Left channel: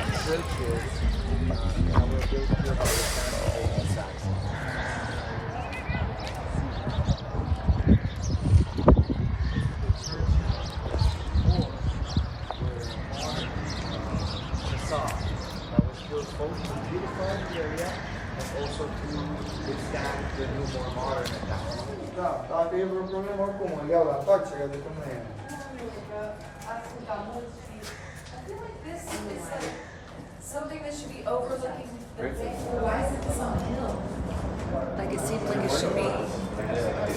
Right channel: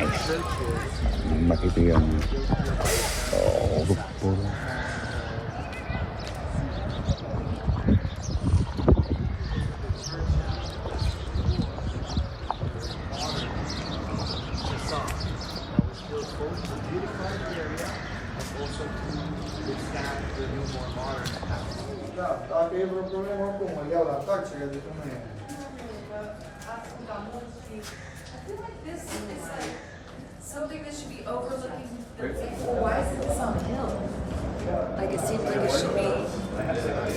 Makita yung that was built both to beautify the area and also to withstand the new, more modern attacks. I feel like this is like something that should be overlooking. Why is this on a hill? Like it seems like it should be.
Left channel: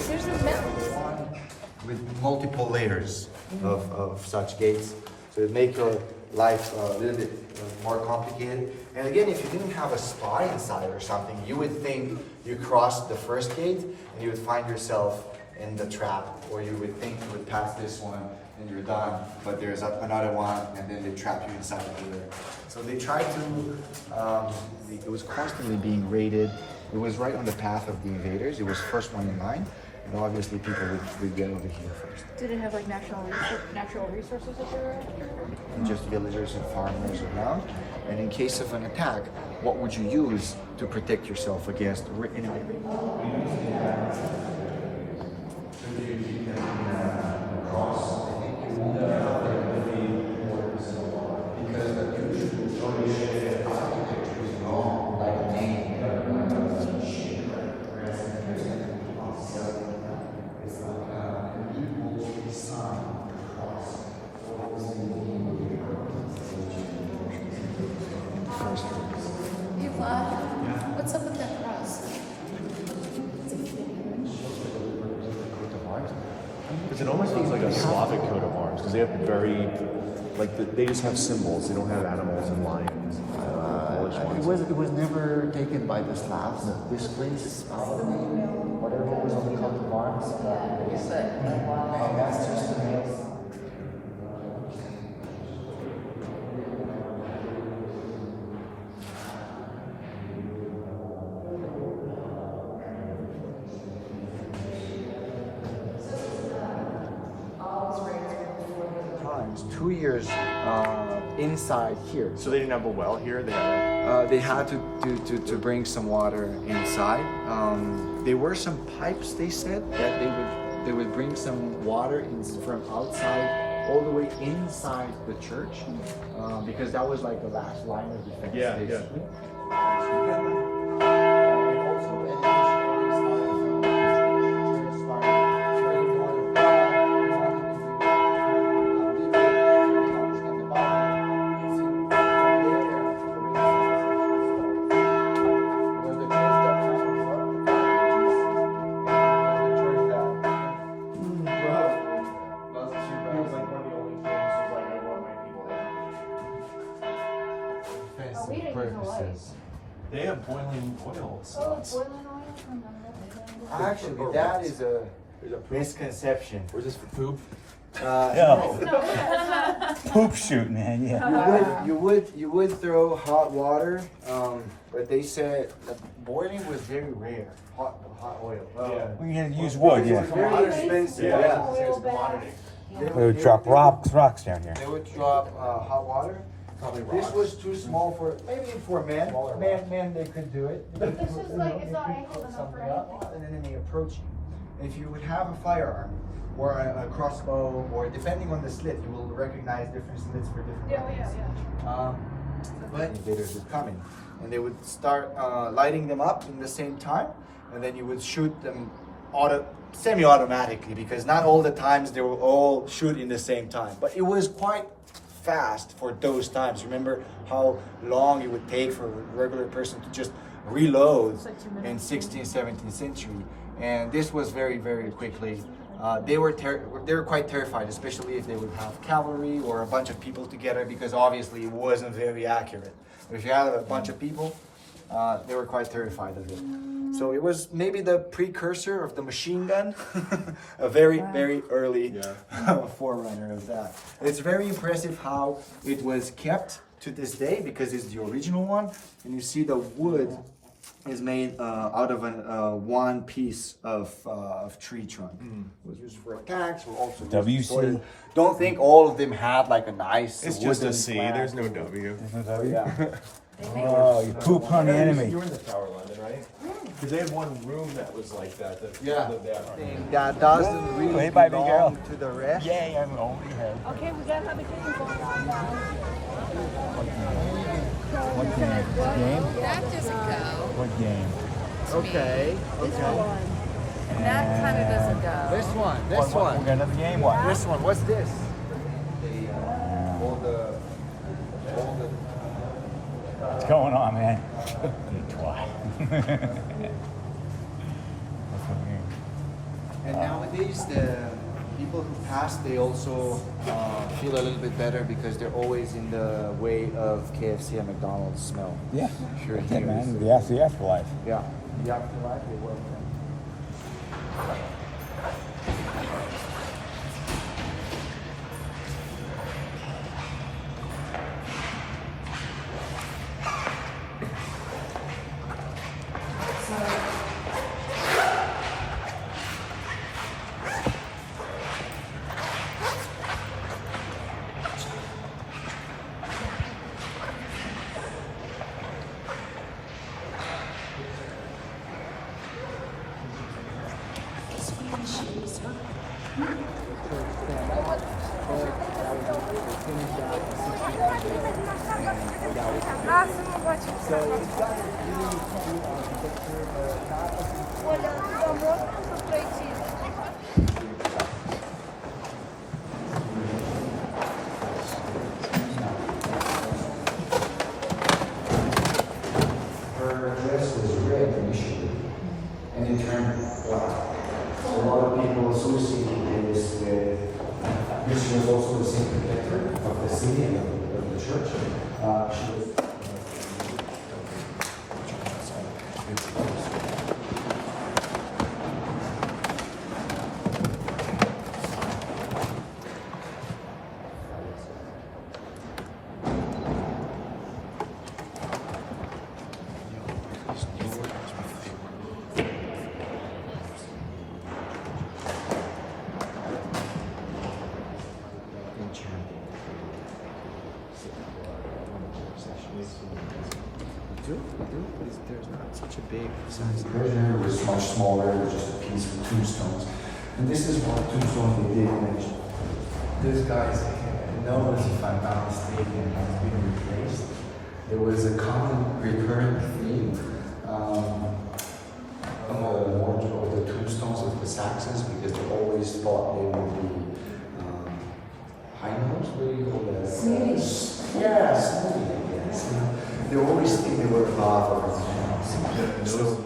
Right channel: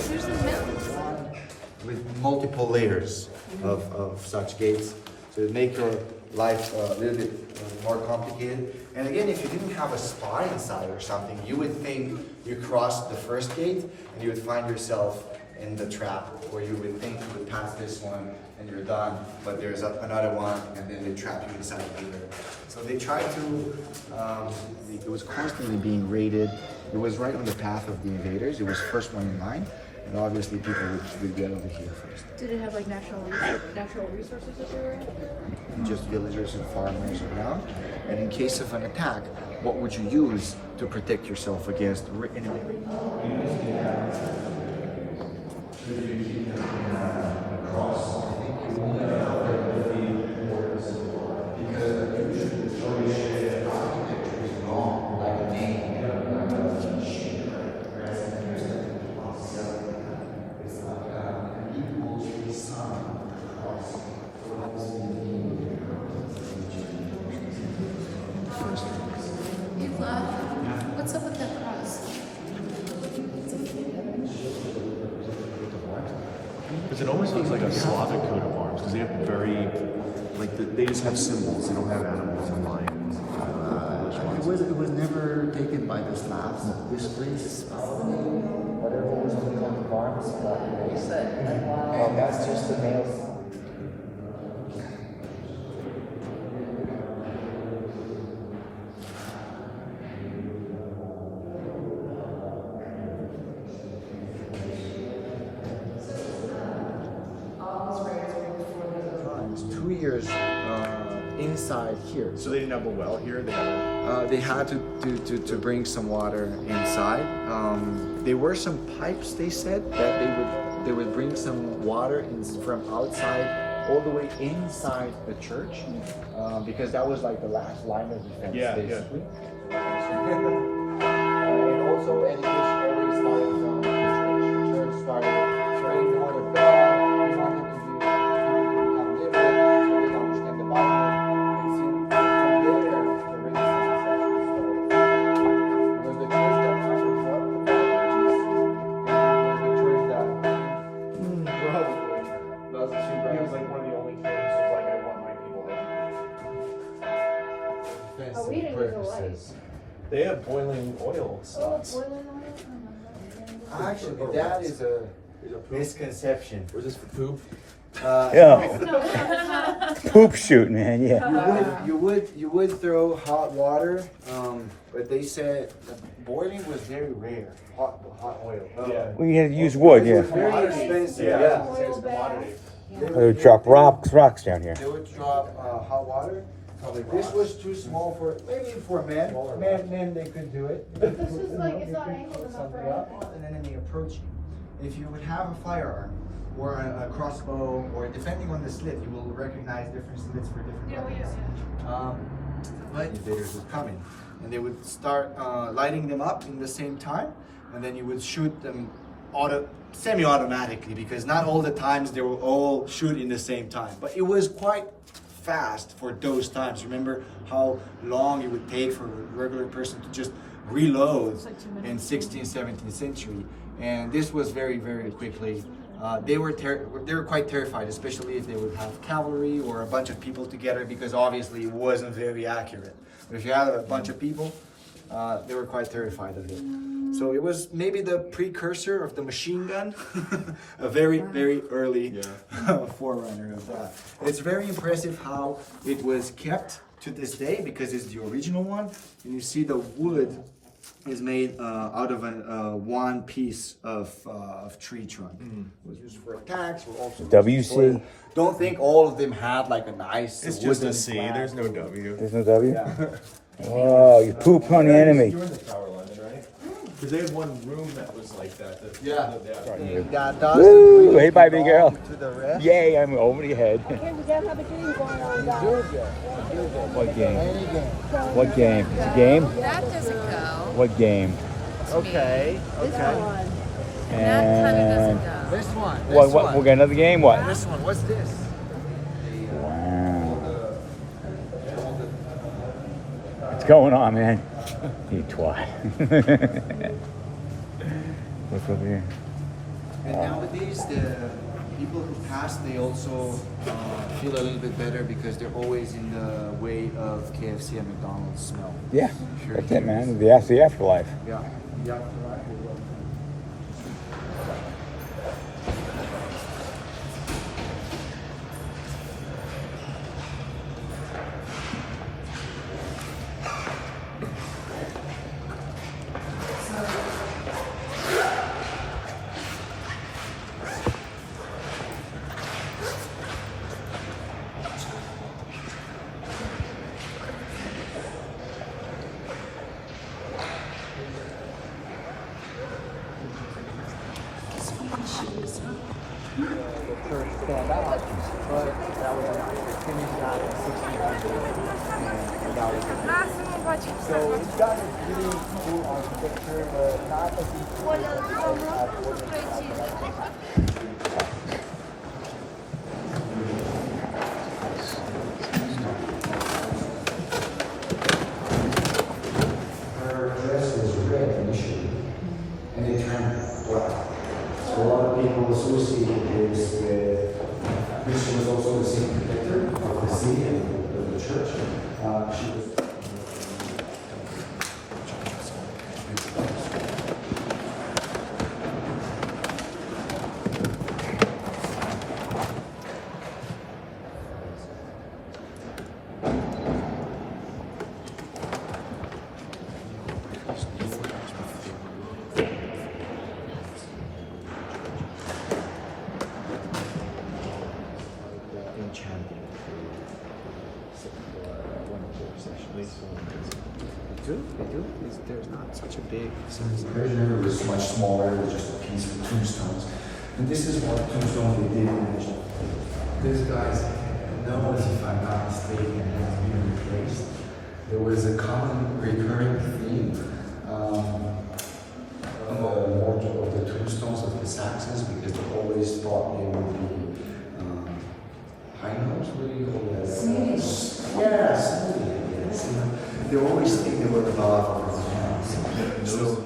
There's a mountain. With multiple layers of such gates, so it make your life a little bit more complicated. And again, if you didn't have a spy inside or something, you would think you crossed the first gate and you would find yourself in the trap, where you would think you would pass this one and you're done, but there's another one and then they trap you inside the other. So they tried to, it was constantly being raided. It was right on the path of the invaders. It was first one in line, and obviously people would get over here first. Did it have like natural resources that they were at? Just villagers and farmers around. And in case of an attack, what would you use to protect yourself against enemy? What's up with that cross? Because it almost looks like a Slavic coat of arms, because they have very, they just have symbols. They don't have animals and lions. It was never taken by the Slavs. This place, whatever was on the coat of arms, and that's just the name. Times 2 years inside here. So they didn't have a well here? They had to bring some water inside. There were some pipes, they said, that they would bring some water from outside all the way inside the church, because that was like the last line of defense, basically. And also, and always started from the church started praying the word of God. We wanted to become literate, to understand the Bible, and from there, the was the church that covered up the church that He was like one of the only kings who was like, I want my people there. Oh, we didn't use a light. They have boiling oil. Oh, boiling oil? actually, that is a misconception. Was this for poop? yeah, poop shoot, man. Yeah. You would throw hot water, but they said boiling was very rare. Hot oil. Yeah. We had to use wood. It was Yeah. very expensive. Yeah. Yeah. It's a commodity. They would drop rocks down here. They would drop hot water. This was too small for maybe for men. Men they could do it. This is like, it's not angled enough for anything. And then they approach you. If you would have a firearm or a crossbow, or depending on the slit, you will recognize different slits for different weapons. But invaders would come in, and they would start lighting them up in the same time, and then you would shoot them semi-automatically, because not all the times they will all shoot in the same time. But it was quite fast for those times. Remember how long it would take for a regular person to just reload in 16th, 17th century, and this was very, very quickly. They were quite terrified, especially if they would have cavalry or a bunch of people together, because obviously it wasn't very accurate. But if you had a bunch of people, they were quite terrified of it. So it was maybe the precursor of the machine gun, a very, very early forerunner of that. It's very impressive how it was kept to this day, because it's the original one, and you see the wood is made out of one piece of tree trunk. It was used for attacks, or also WC. Don't think all of them had like a nice. It's just a wooden C. flag. There's no W. There's no W? Yeah. Oh, you pooped on the enemy. You were in the Tower London, right? Because they had one room that was like that. Yeah. That That Woo! doesn't Hey, bye, big girl. to the rest. Yay, I'm over your head. Okay, we got another game going on down. What game? What game? Game? That doesn't go. What game? Okay. This one. That kind of doesn't go. This one. What, we got another game? What? This one. What's this? What's going on, man? You twat. What's over here? And nowadays, the people who pass, they also feel a little bit better because they're always in the way of KFC and McDonald's smell. Yeah, that's it, man. The afterlife. Yeah. The afterlife, they will. Her dress was red initially, and it turned black. So a lot of people associate this with. This was also the same predictor of the city and of the church. She was. There's not such a big sense. The version was much smaller, it was just a piece of tombstones. And this is what tombstones they did mention. This guy's, notice if I'm not mistaken, has been replaced. There was a common recurring theme on the wardrobe of the tombstones of the Saxons because they always thought they would be high notes, what do you call that? Sneeze. Yeah, sneeze. Yes. They always think they were above us. So,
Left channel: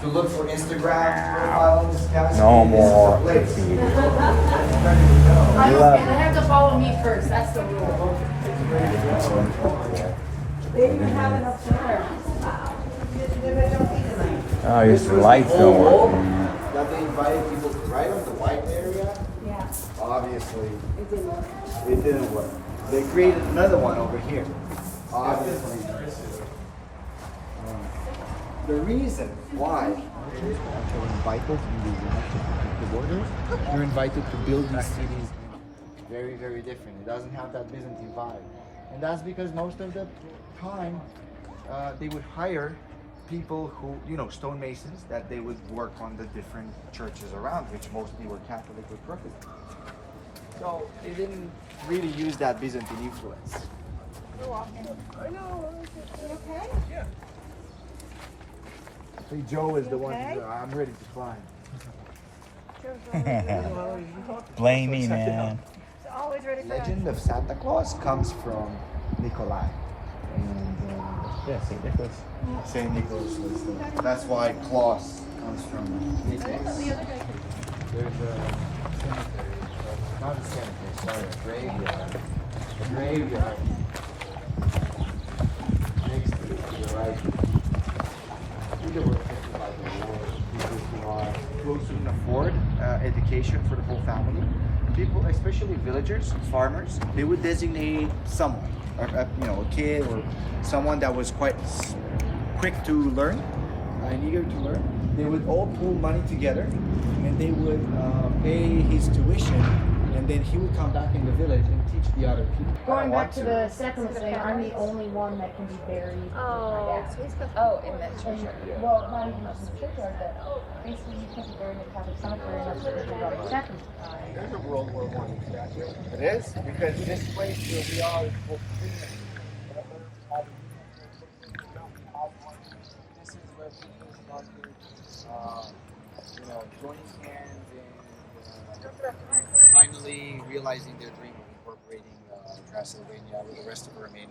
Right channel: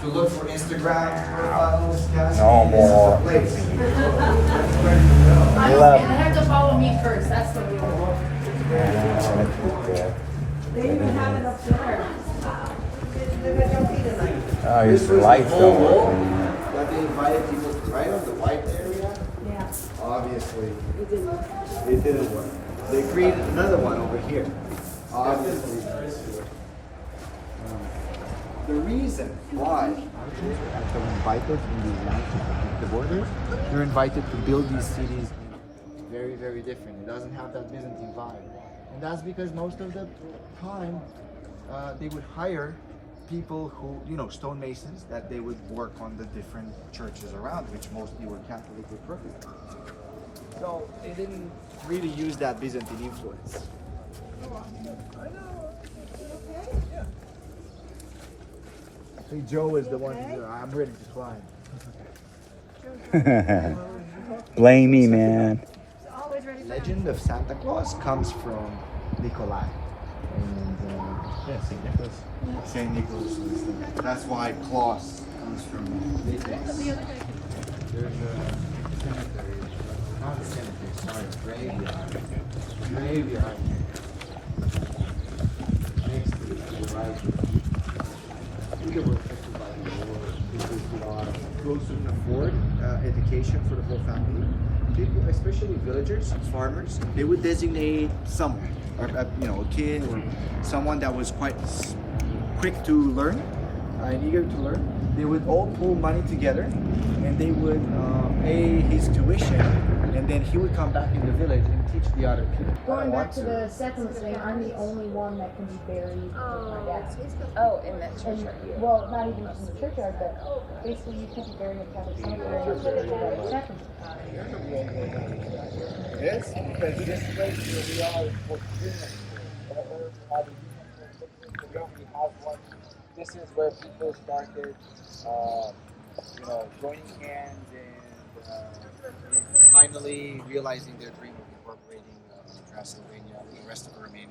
To look for Instagram profiles, guys. No this is more. the place. And they have to follow me first. That's the rule. They even have it up there. Oh, here's some lights whole don't wall work. that they invited people to right on the white area. Yeah. Obviously, It didn't work. it didn't work. They created another one over here. Obviously. The reason why you're invited in these lands to protect the borders, you're invited to build these cities very, very different. It doesn't have that Byzantine vibe. And that's because most of the time they would hire people who, stonemasons, that they would work on the different churches around, which mostly were Catholic or Protestant. So they didn't really use that Byzantine influence. Hey, Joe is the one. I'm ready to climb. Blame me, man. Always ready for Legend of Santa Claus comes from Nikolai. And St. Nicholas. St. Nicholas was that's why Claus comes from Nicholas. There's a cemetery, not a cemetery, sorry, a graveyard. Graveyard. Next to the right. I think it was affected by the war. People who those who can afford education for the whole family, people, especially villagers, farmers, they would designate someone, or a kid or someone that was quite quick to learn and eager to learn. They would all pool money together, and they would pay his tuition, and then he would come back in the village and teach the other kids. Going back to the second thing, I'm the only one that can be buried with my dad. In that church. Well, not even just in the churchyard, but basically you can be buried in Catholic cemetery instead of the second. There's a World War I back there. It is because this place where we are was this is where people started, joining hands and finally realizing their dream of incorporating Transylvania with the rest of Romania.